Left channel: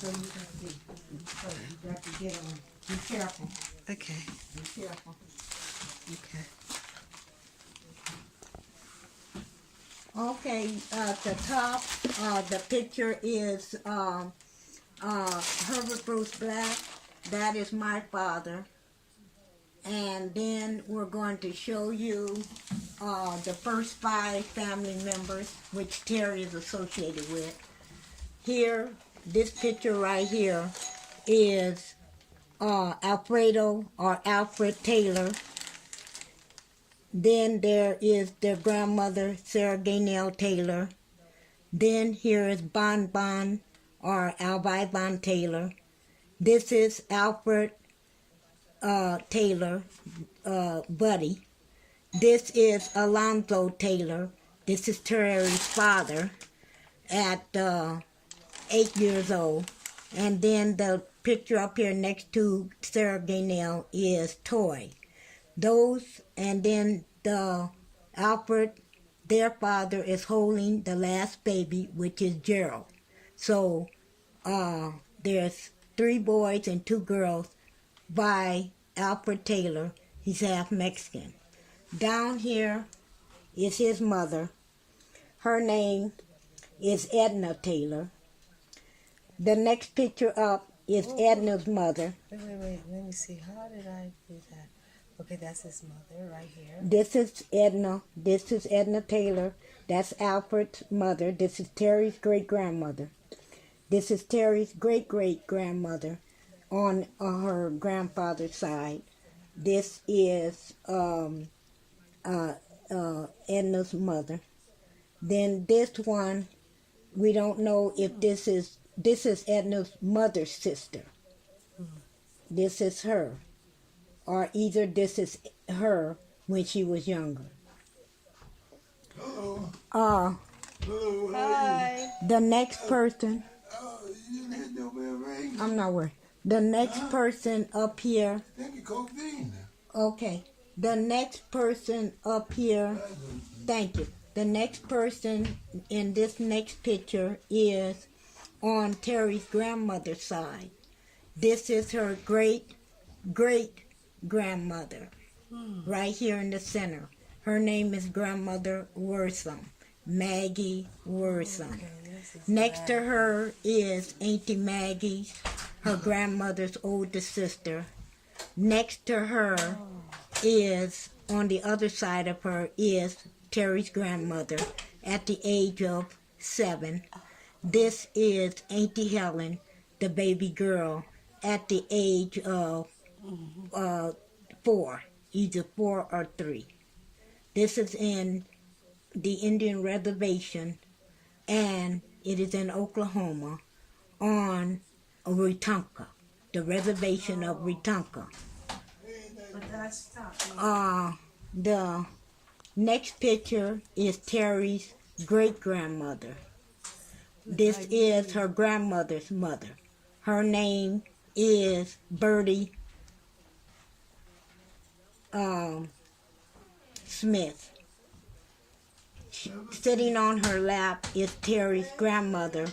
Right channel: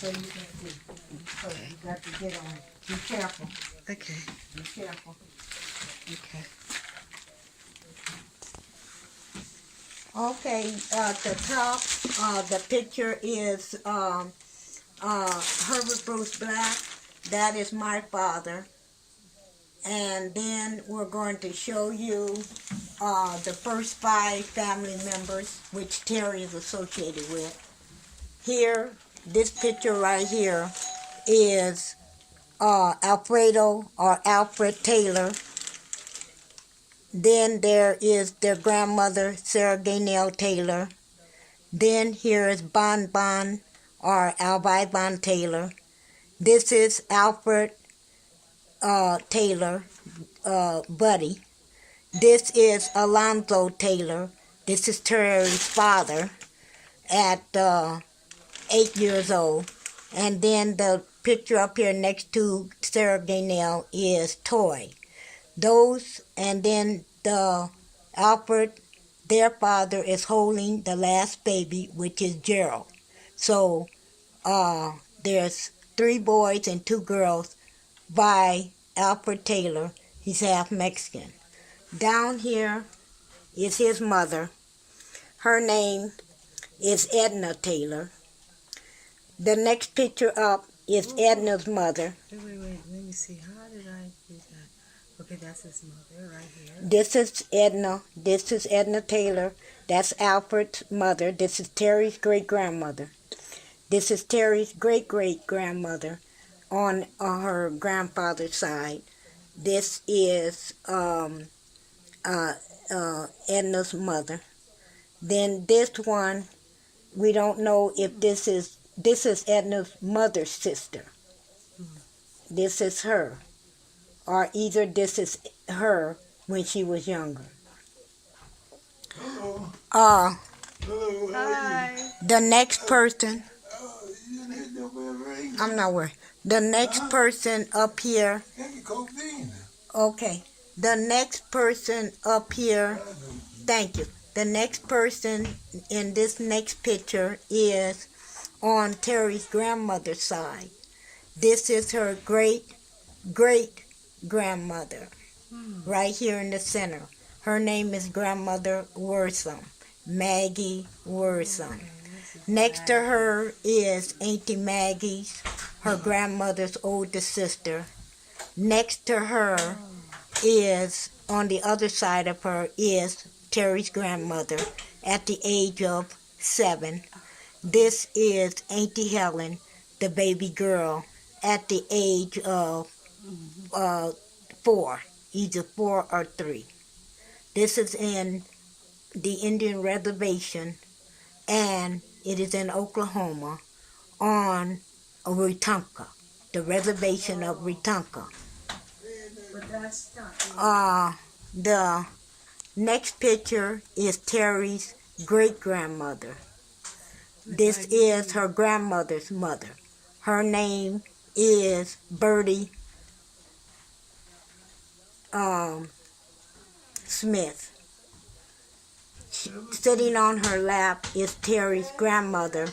so you can see. So you got to get on it. Be careful. Okay. Be careful. Okay. Okay, the top, the picture is Herbert Bruce Black. That is my father. And then we're going to show you the first 5 family members, which Terry is associated with. Here, this picture right here is Alfredo or Alfred Taylor. Then there is their grandmother, Sarah Gaynell Taylor. Then here is Bon Bon or Alvi Bon Taylor. This is Alfred Taylor, Buddy. This is Alonzo Taylor. This is Terry's father at 8 years old. And then the picture up here next to Sarah Gaynell is Toy. Those, and then the Alfred, their father is holding the last baby, which is Gerald. So there's 3 boys and 2 girls by Alfred Taylor. He's half Mexican. Down here is his mother. Her name is Edna Taylor. The next picture up is Edna's mother. Wait. Let me see. How did I do that? Okay, that's his mother right here. This is Edna. This is Edna Taylor. That's Alfred's mother. This is Terry's great-grandmother. This is Terry's great-great-grandmother on her grandfather's side. This is Edna's mother. Then this one, we don't know if this is Edna's mother's sister. This is her. Or either this is her when she was younger. Hi. The next person, I'm not worried. The next person up here, okay. The next person up here, thank you. The next person in this next picture is on Terry's grandmother's side. This is her great-great-grandmother, right here in the center. Her name is Grandmother Wortham, Maggie Wortham. Next to her is Auntie Maggie's, her grandmother's oldest sister. Next to her is, on the other side of her, is Terry's grandmother at the age of 7. This is Auntie Helen, the baby girl, at the age of 4, either 4 or 3. This is in the Indian Reservation, and it is in Oklahoma on Wetumpka, the reservation of Wetumpka. The next picture is Terry's great-grandmother. This is her grandmother's mother. Her name is Bertie Smith. Sitting on her lap is Terry's grandmother,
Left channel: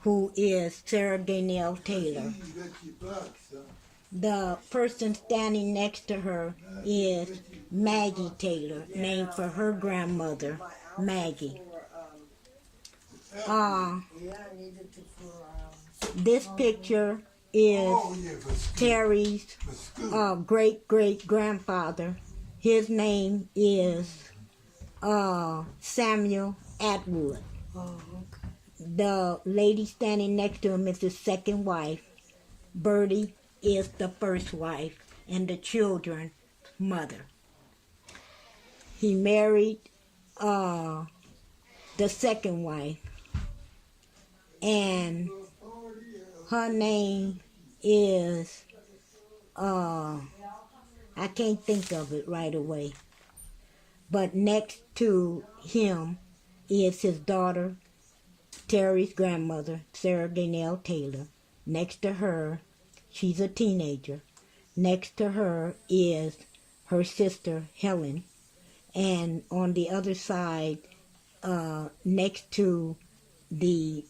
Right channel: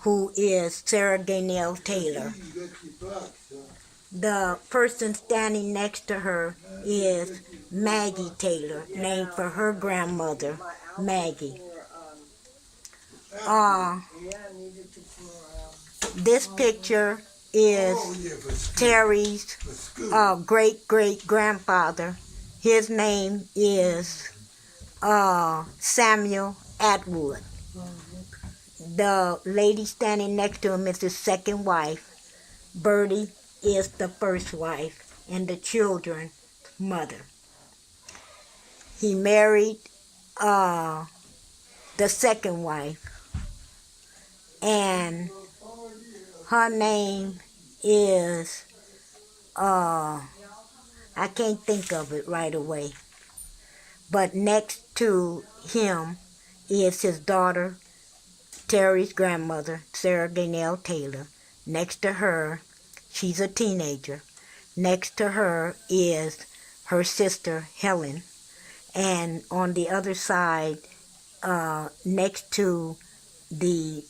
who is Sarah Gaynell Taylor. The person standing next to her is Maggie Taylor, named for her grandmother, Maggie. This picture is Terry's great-great-grandfather. His name is Samuel Atwood. The lady standing next to him is his second wife. Bertie is the first wife and the children's mother. He married the second wife, and her name is I can't think of it right away. But next to him is his daughter, Terry's grandmother, Sarah Gaynell Taylor. Next to her, she's a teenager. Next to her is her sister, Helen. And on the other side, next to the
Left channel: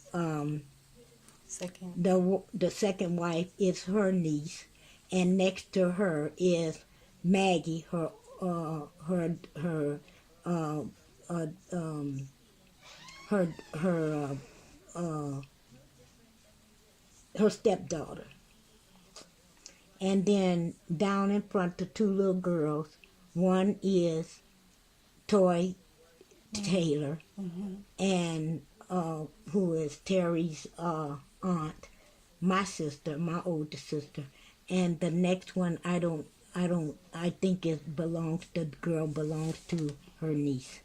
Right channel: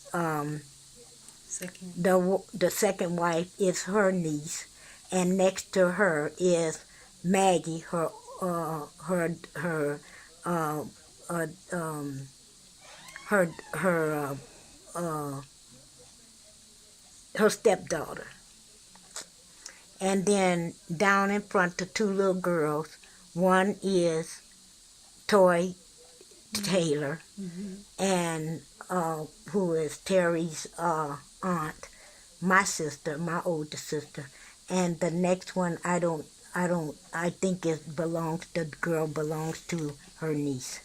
Second. The second wife is her niece, and next to her is Maggie, her uh, uh, um, her her stepdaughter. And then down in front, the two little girls. One is Toy Taylor, Mm-hmm. and who is Terry's aunt, my sister, my older sister. And the next one, I think it belongs. The girl belongs to her niece.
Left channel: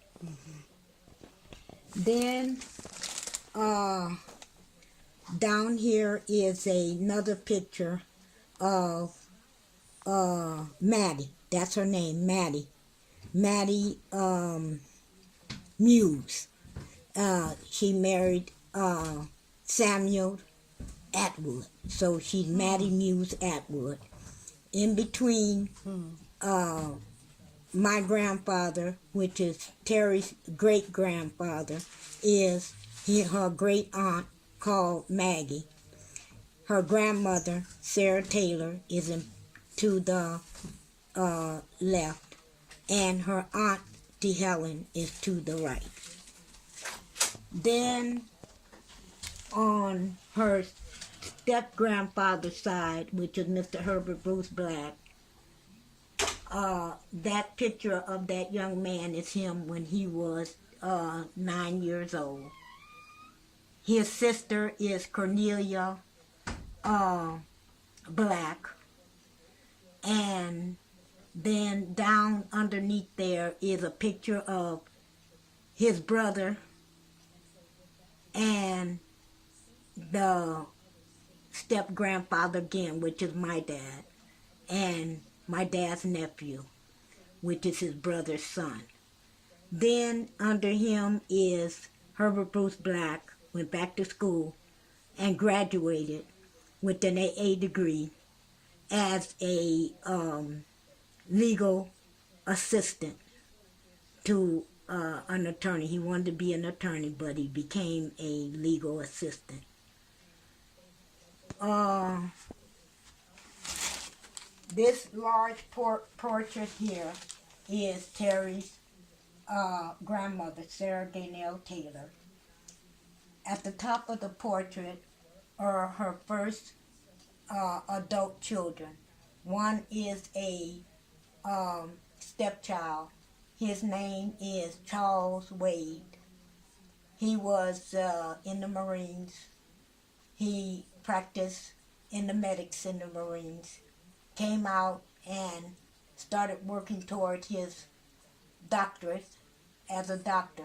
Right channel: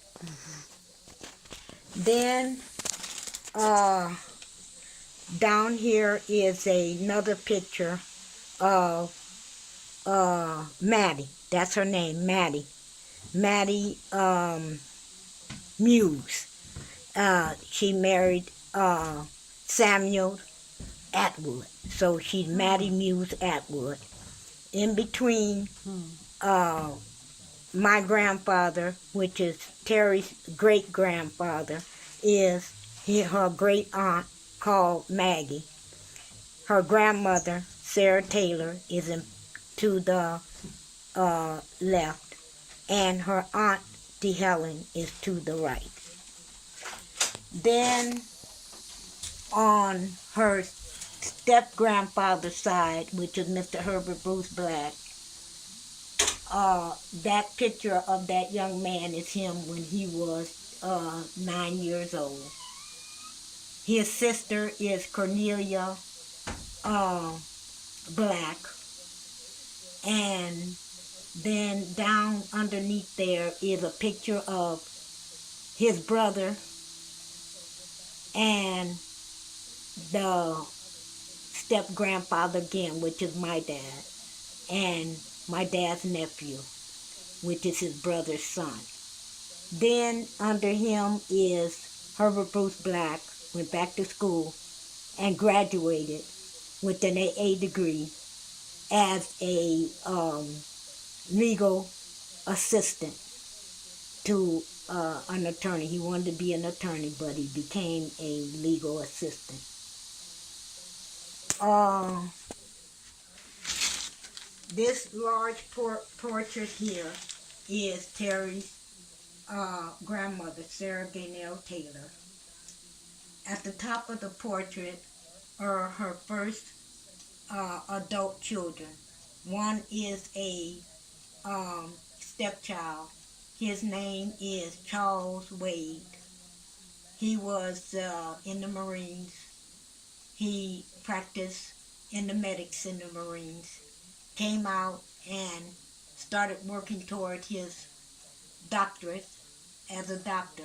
Then down here is another picture of Maddie. That's her name, Maddie. Maddie Muse. She married Samuel Atwood. So she's Maddie Muse Atwood. In between my grandfather, which is Terry's great grandfather, is her great aunt called Maggie. Her grandmother, Sarah Taylor, is to the left, and her aunt, T. Helen, is to the right. Then on her step-grandfather's side, which is Mr. Herbert Bruce Black, that picture of that young man is him when he was 9 years old. His sister is Cornelia Black, and then down underneath there is a picture of his brother and the step-grandfather again, which is my dad, and my dad's nephew, which is his brother's son. Then under him is Herbert Bruce Black, went back to school and graduated with an AA degree as a legal assistant to an attorney. He wanted to be an attorney, but he became a legal assistant. This large portrait here is Terry's grandmother, Sarah Gaynell Taylor. At the top of the portrait are her first adult children. One is a stepchild. His name is Charles Wade. He was in the Marines. He practiced in the medics in the Marines. Came out and started working toward his doctorate as a doctor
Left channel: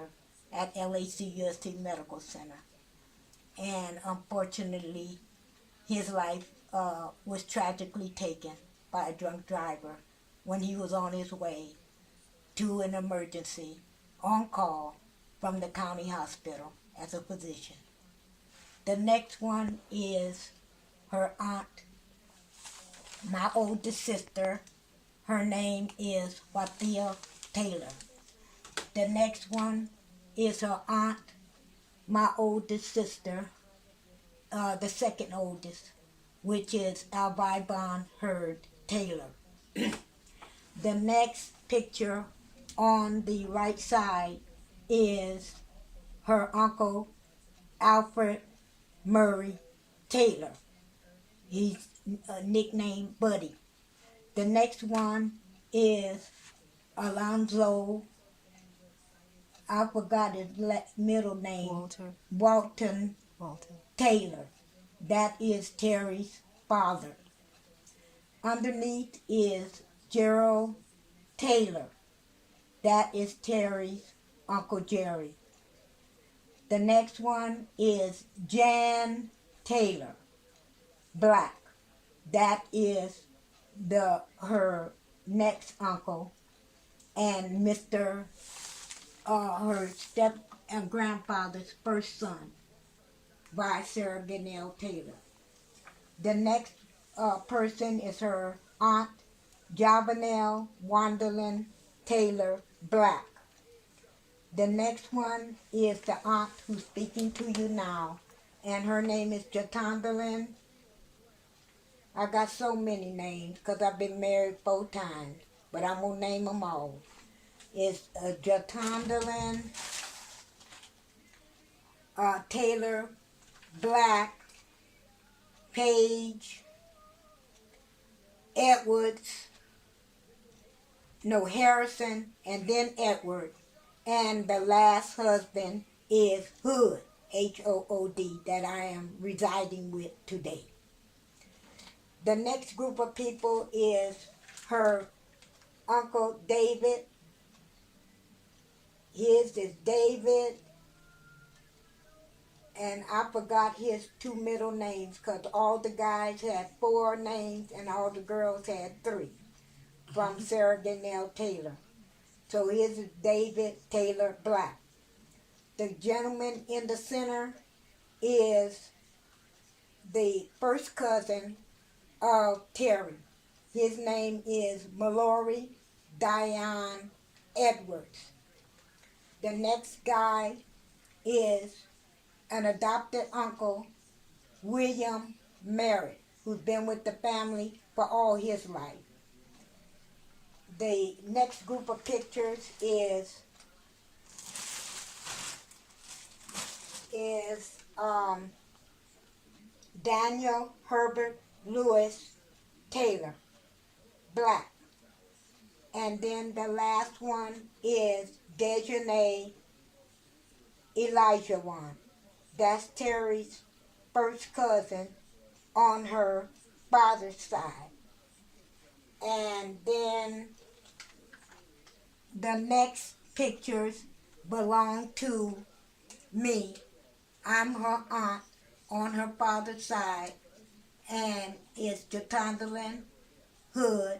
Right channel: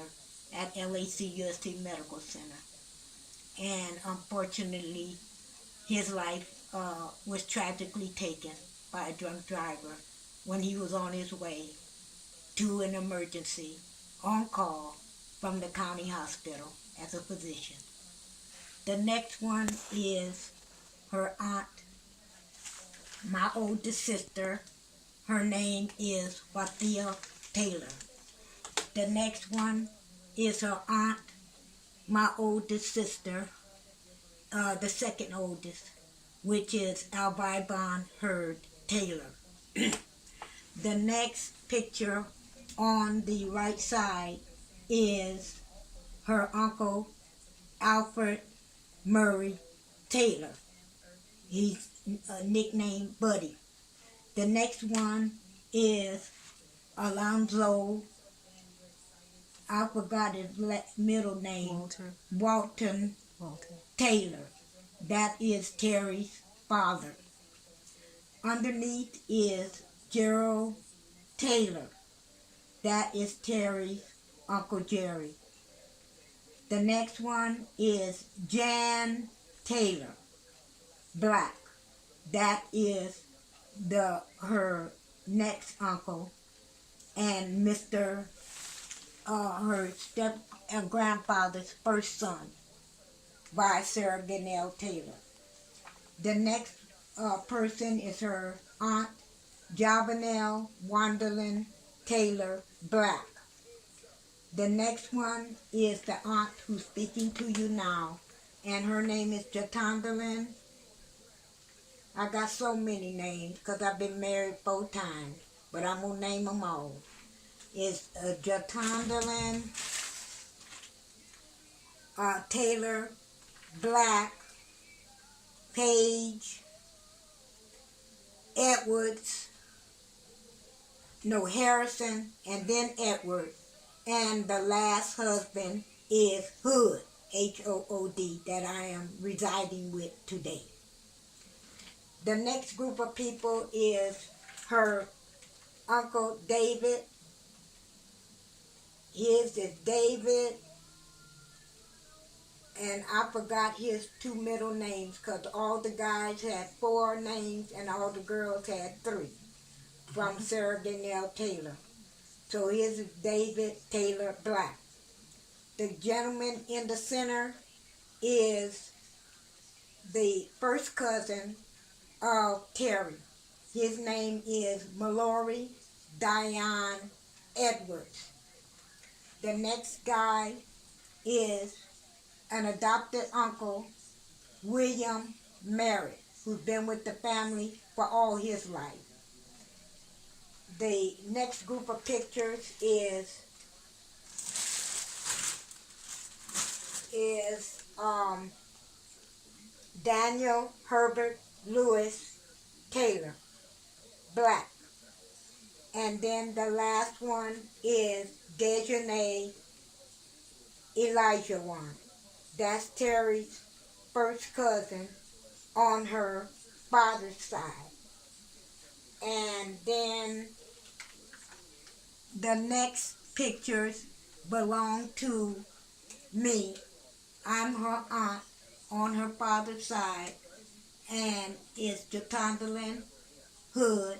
at LAC UST Medical Center. And unfortunately, his life was tragically taken by a drunk driver when he was on his way to an emergency on call from the county hospital as a physician. The next one is her aunt, my oldest sister. Her name is Wathia Taylor. The next one is her aunt, my oldest sister, the second oldest, which is Albibon Hurd Taylor. The next picture on the right side is her uncle, Alfred Murray Taylor. He's nicknamed Buddy. The next one is Alonzo, I forgot his middle name. Walton Taylor. That is Terry's father. Underneath is Gerald Taylor. That is Terry's Uncle Jerry. The next one is Jan Taylor Black. That is her next uncle and her step grandfather's first son by Sarah Gaynell Taylor. The next person is her aunt, Javanelle Wanderlin Taylor Black. The next one is the aunt who's speaking to you now, and her name is Jatondalyn. I got so many names because I've been married 4 times, but I'm going to name them all. It's Jatondalyn Taylor Black, Page, Edwards, no, Harrison, and then Edward. And the last husband is Hood, Hood, that I am residing with today. The next group of people is her Uncle David. His is David, and I forgot his 2 middle names because all the guys had 4 names and all the girls had 3 from Sarah Danielle Taylor. So his is David Taylor Black. The gentleman in the center is the first cousin of Terry. His name is Mallory Diane Edwards. The next guy is an adopted uncle, William Merritt, who's been with the family for all his life. The next group of pictures is Daniel Herbert Lewis Taylor Black. And then the last one is Dejanay Elijah one. That's Terry's first cousin on her father's side. And then the next pictures belong to me. I'm her aunt on her father's side, and it's Jatondalyn Hood,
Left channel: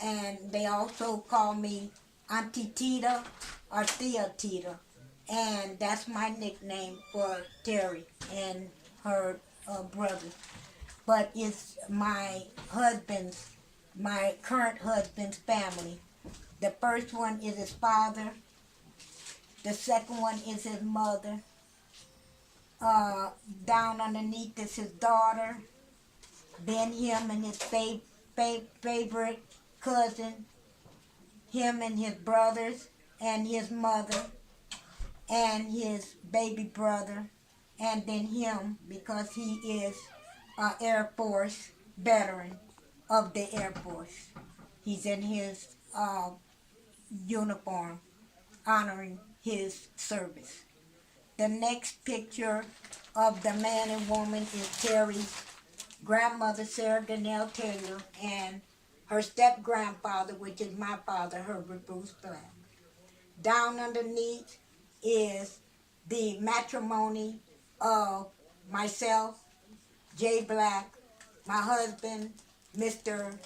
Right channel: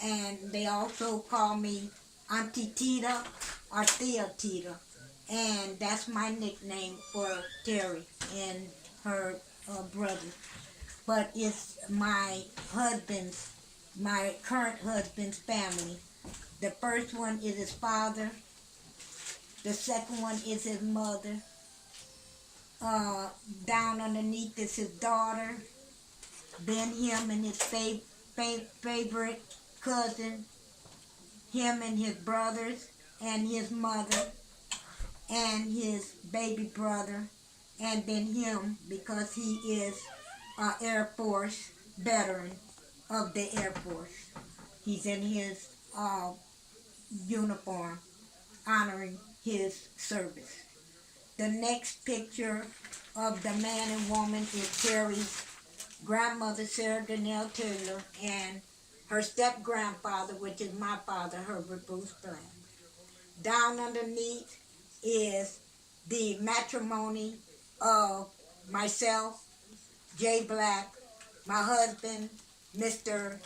and they also call me Auntie Tita or Thea Tita, and that's my nickname for Terry and her brother. But it's my current husband's family. The first one is his father. The second one is his mother. Down underneath is his daughter. Then him and his favorite cousin. Him and his brothers and his mother and his baby brother. And then him, because he is an Air Force veteran of the Air Force. He's in his uniform honoring his service. The next picture of the man and woman is Terry's grandmother, Sarah Danielle Taylor, and her step-grandfather, which is my father, Herbert Bruce Black. Down underneath is the matrimony of myself, Jay Black, my husband, Mr.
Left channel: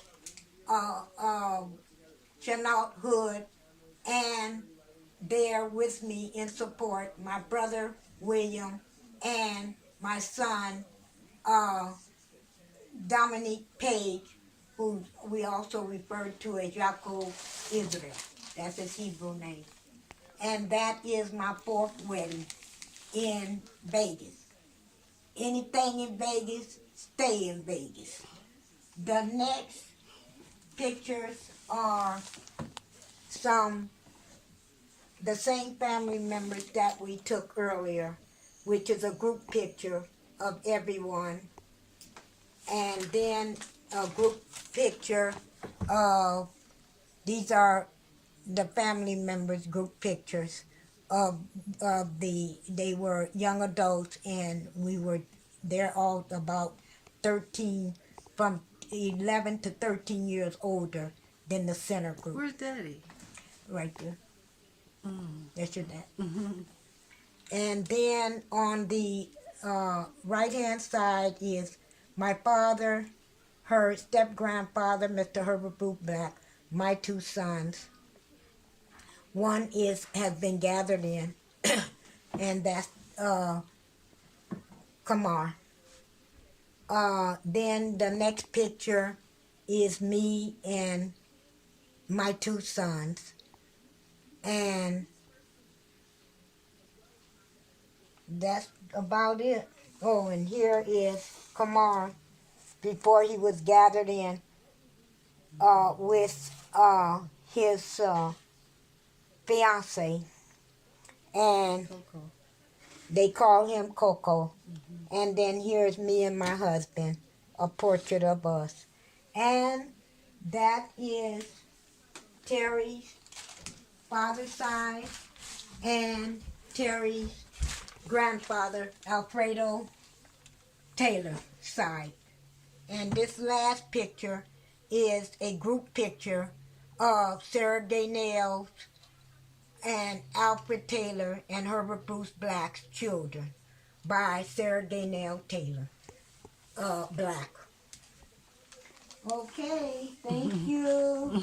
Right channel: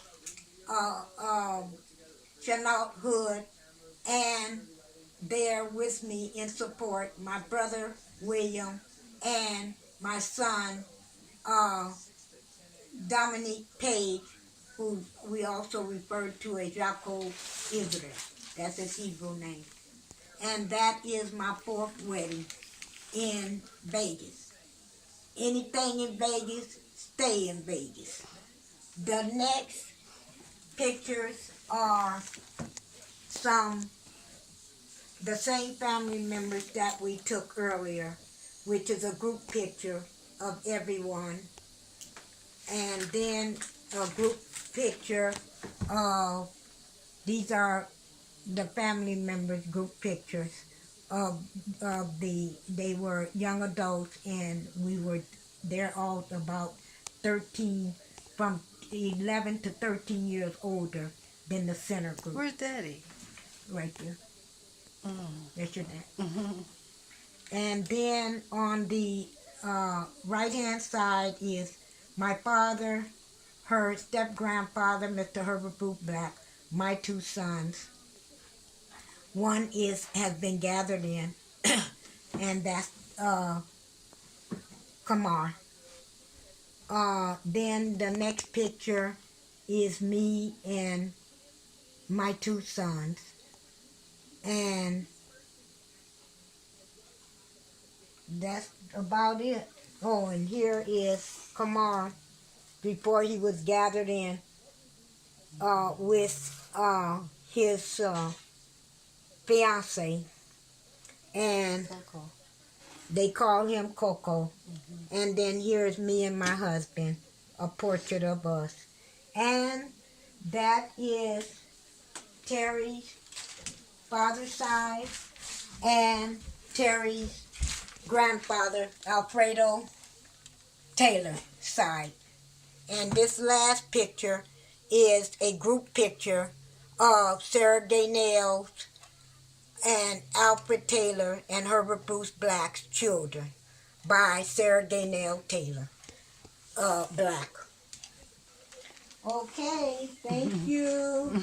Chenault Hood, and there with me in support, my brother William and my son Dominique Page, who we also refer to as Jacob Israel. That's his Hebrew name. And that is my 4th wedding in Vegas. Anything in Vegas, stay in Vegas. The next pictures are the same family members that we took earlier, which is a group picture of everyone. And then a group picture of, these are the family members' group pictures of they were young adults, and they're all about 13, from 11 to 13 years older than the center group. Where's Daddy? Right there. That's your dad. Mm-hmm. And then on the right-hand side is my father, her step-grandfather, Mr. Herbert Bruce Black, my 2 sons. One has been gathered in, and that's Kamar. Then the next picture is me and my 2 sons. And that's about it. Oh, and here is Kamar before he was gathered in with his fiance, and Coco. they call him Coco. And then here's me and my husband, a portrait of us. And that is Terry's father's side and Terry's grandfather, Alfredo Taylor side. And this last picture is a group picture of Sarah Daynell's and Alfred Taylor and Herbert Bruce Black's children by Sarah Daynell Taylor Black. Okay, thank you.